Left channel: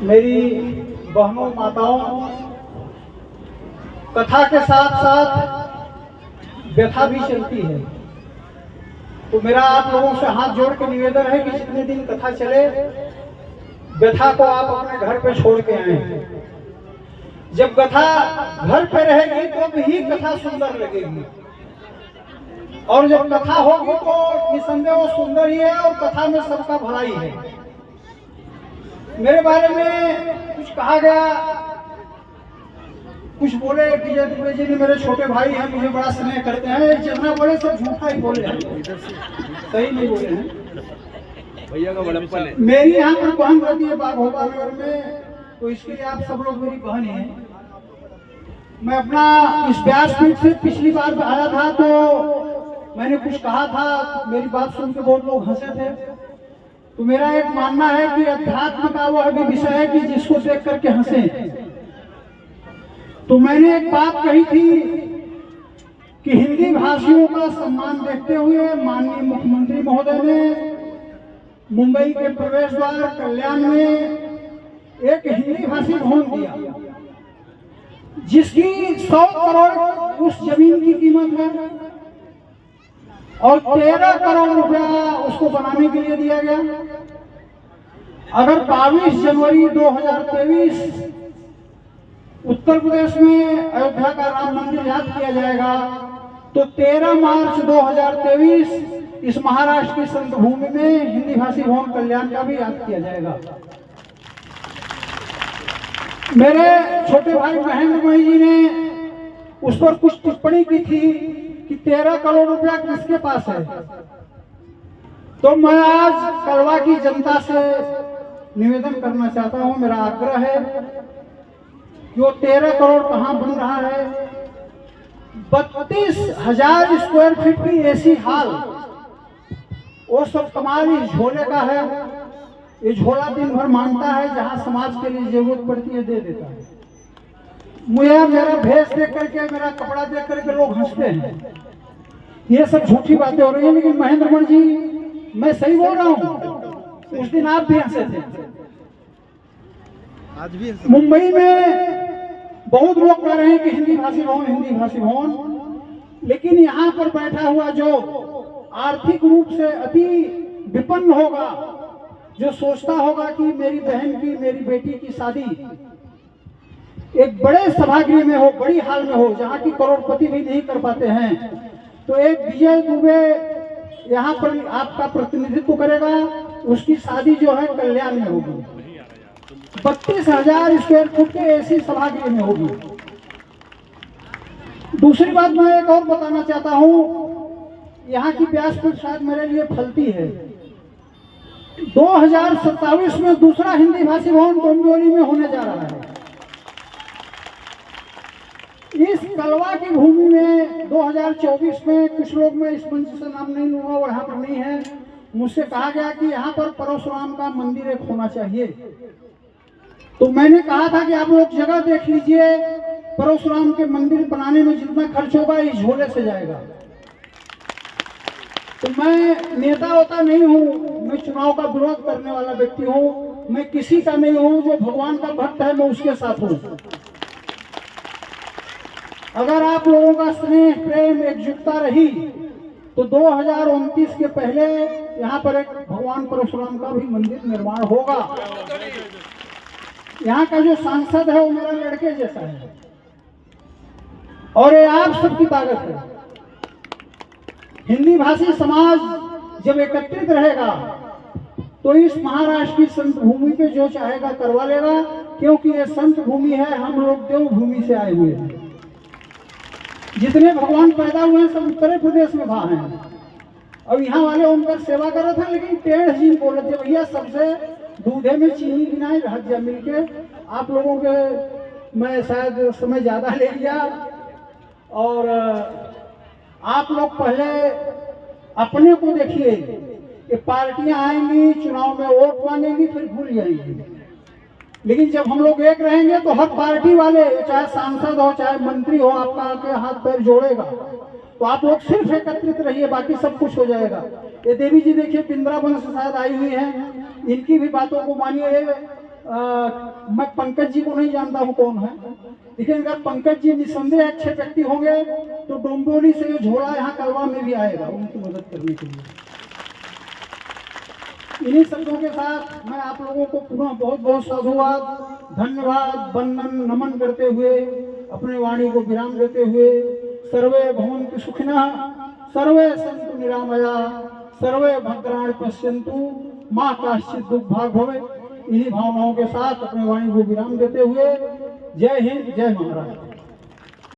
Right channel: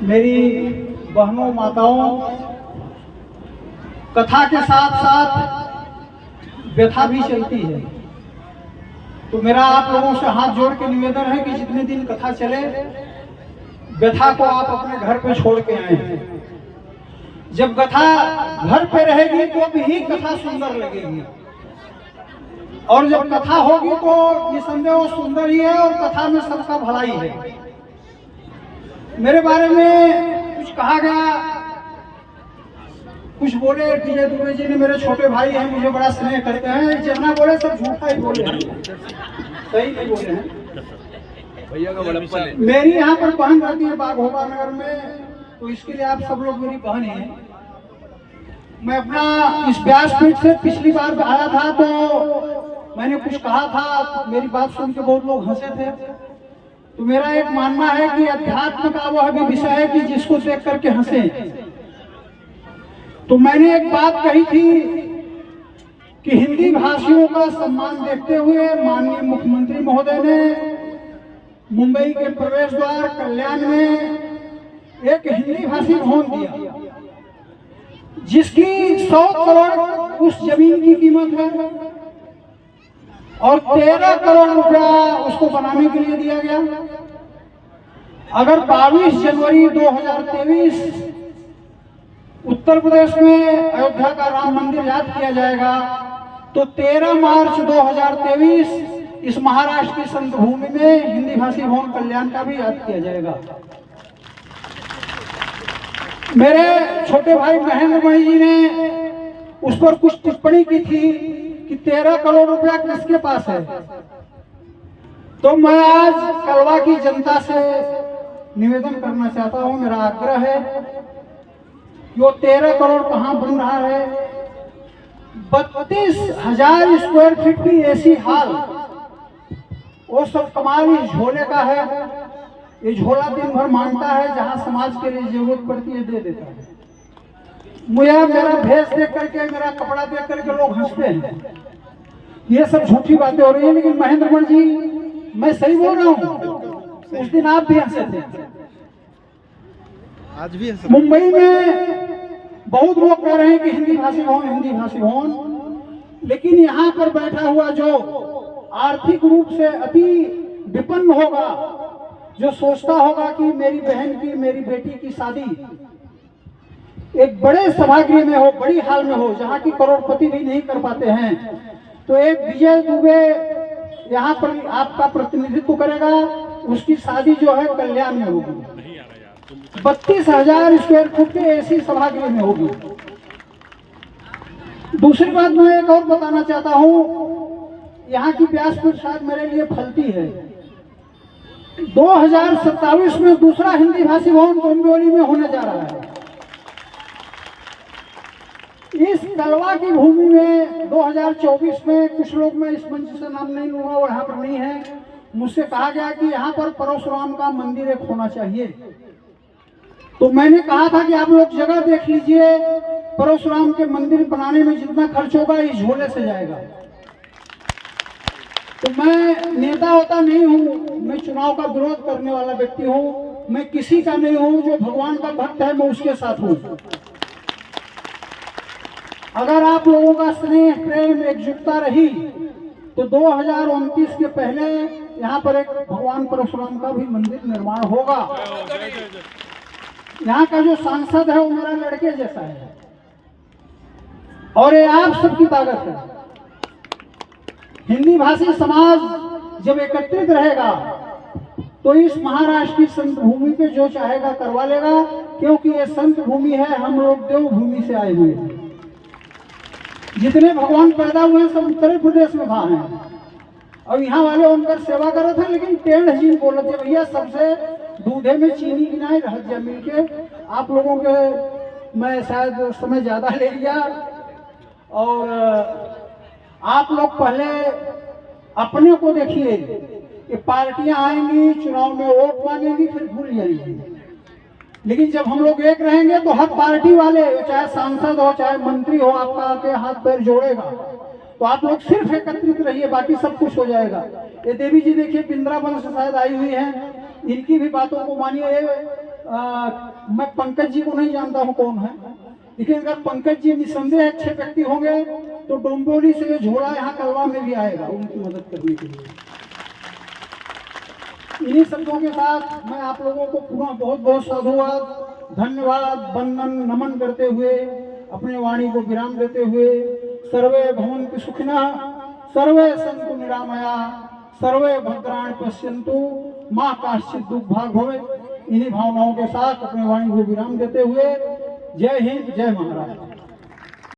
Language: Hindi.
मेरी बहनों माताओं, कथा के साथ साथ व्यथा भी चलती है। तो मेरा आप लोगों से हाथ जोड़ के निवेदन है कि जितने दिन कथा चले, व्यथा को आप अपने घर पे छोड़ के आए। जब कथा घर पे रहेगी तो भी कथा सुंदर लगेगी, और जब कथा होगी तो निसंदेह वो सुंदर ही है, और कथा में सबका भलाई है। मेरे बारे में कुछ कहा गया, कुछ बोले विजय दुबे जी ने, मेरे छोटे भाई हैं, मुझे बड़ा स्नेह करते हैं। जितना बोले सब झूठा ही बोले हैं, सही नहीं बोले हैं। भैया का बड़प्पन है। मेरी यहाँ पर बहन रहती है बाघोबा नगर में, तो इसके लिए आप सब लोग मेरी बहन हैं। मैं अपना इस व्यासपीठ से पिछली बार आया था तो मैंने कुछ कहा था, मेरी बात सुन के बहुत लोग हंसे थे। तो मेरा एक मानना है कि अध्यात्म का वह भी विषय है कि जिसको देख करके हंसे। तो मैंने एक बात कही थी कि हिंदी भाषियों का सम्मान देखते हुए माननीय मुख्यमंत्री महोदय ने मुंबई के प्रवेश द्वार कल्याण में एक हिंदी भाषी भवन दिया, जिसकी 100 करोड़ उस जमीन की कीमत है, और 13 करोड़ रुपया उसको बनाने के लिए दिया गया। अगर 22 जनवरी 2023 उत्तर प्रदेश में अयोध्या का राम मंदिर याद किया जाएगा, तो 13 मार्च 2023 इस महाराष्ट्र की संत भूमि में हिंदी भाषी भवन कल्याण का भी याद किया जाएगा। मेरे छोटे भाई महेंद्र मणि जी ने उस पर कुछ टिप्पणी की थी कि 13 करोड़ रुपया किसके पास है। तो मैं आज कलवा की जनता से निवेदन करना चाहता हूं, मेरा आग्रह है कि वो 13 करोड़ कहां बन रहा है। 32,000 स्क्वायर फीट की एसी हॉल, वो सब कमाल इस झोले का है। ये झोला दिन भर मांगता है, जहां समाज के लिए जरूरत पड़ती है दे देता है। मुझे मेरा भेष देख करके, मेरा कपड़ा देख करके लोग हंसते हैं। ये सब झूठी बातें हो रही है, लेकिन महेंद्र मणि जी मैं सही बोल रहा हूँ। उस दिन आप भी हंसे थे, आज भी मुंबई में बहुत लोग कह रहे हैं कि हिंदी भाषी भवन, हिंदी भाषी भवन, लेकिन यहाँ पर बैठा हुआ जो आर्थिक रूप से अति विपन्न होगा, जो सोचता होगा कि मेरी बहन की, मेरी बेटी की शादी एक बड़े सभागृह में हो, बड़ी हॉल में हो, जहाँ की करोड़पति भी नहीं कर पाते हैं, तो एक विजय दुबे यहाँ पर आपका प्रतिनिधित्व करेगा। उसकी शादी जो है कल्याण में होगी, 32,000 स्क्वायर फीट के एसी सभागृह में होगी। दूसरी बात मैं एक और बताना चाहता हूँ, यहाँ की व्यासपीठ शायद मेरे लिए फलती है। 2027 में दूसरा हिंदी भाषी भवन डोंबिवली में होने जा रहा है। इस कलवा की भूमि में 2024 में कुछ लोग, मैं इस मंच से नाम नहीं लूंगा और यहाँ पर नहीं है, मुझसे कहा गया कि यहाँ पर परशुराम का मंदिर एक होना चाहिए। तो मैंने कहा था कि आप लोग जगह देख लीजिए, परशुराम के मंदिर बनाने में जितना खर्च होगा इस झोले से जाएगा। तो मैं नेता होता नहीं हूँ, मैं चुनाव का विरोध करने वाला व्यक्ति हूँ, मैं किसी का नहीं हूँ। जो भगवान का भक्त है मैं उसके साथ हूँ। अगर आप लोगों का स्नेह, प्रेम, एकजुटता रही तो 2029 के पहले यहाँ पर एक भगवान परशुराम का भी मंदिर निर्माण होगा। यहाँ का जो सांसद है वो मेरा लड़के जैसा है, और ये आप सबकी ताकत है। हिंदी भाषी समाज जब एकत्रित रहेगा तो इस महाराष्ट्र की संत भूमि पे जो चाहेगा करवा लेगा, क्योंकि ये संत भूमि है, हम लोग देव भूमि से आए हुए हैं। जितने भगवान पैदा हुए सब उत्तर प्रदेश में वहां हैं, और यहाँ वाले उनकर सेवा कर रहे थे, लेकिन टेढ़ जी बोल रहे थे, भैया सबसे दूधे में चीनी गिनाए रह जा मिलके। आप लोगों के मैं शायद समय ज्यादा ले लिया, और आप लोग पहले अपने को देखिए कि पार्टियां आएंगी, चुनाव में वोट मांगेंगी, फिर भूल जाएंगी। लेकिन जब हम लोग एक रहेंगे तो हर पार्टी वाले, चाहे सांसद हो चाहे मंत्री हो, आपका आके हाथ पैर जोड़ेगा। तो आप लोग सिर्फ एकत्रित रहिए, बाकी सब कुछ हो जाएगा। ये देवी जी देखिए वृंदावन से शायद आई हुई हैं, इनकी भी बातों को मानिए। मैं पंकज जी को नहीं जानता हूँ कौन है, लेकिन अगर पंकज जी निसंदेह अच्छे व्यक्ति होंगे तो डोंबिवली से ये झोला यहाँ कलवा में भी आएगा उनकी मदद करने के लिए। इन्हीं शब्दों के साथ मैं आप लोगों को पुनः बहुत बहुत साधुवाद, धन्यवाद, वंदन, नमन करते हुए अपने वाणी को विराम देते हुए सर्वे भवन्तु सुखिनः, सर्वे सन्तु निरामया, सर्वे भद्राणि पश्यन्तु, मां काश्चित् दुर्भाग् भवेत्। इन्हीं भावनाओं के साथ अपने वाणी को विराम देते हुए जय हिंद, जय महाराष्ट्र।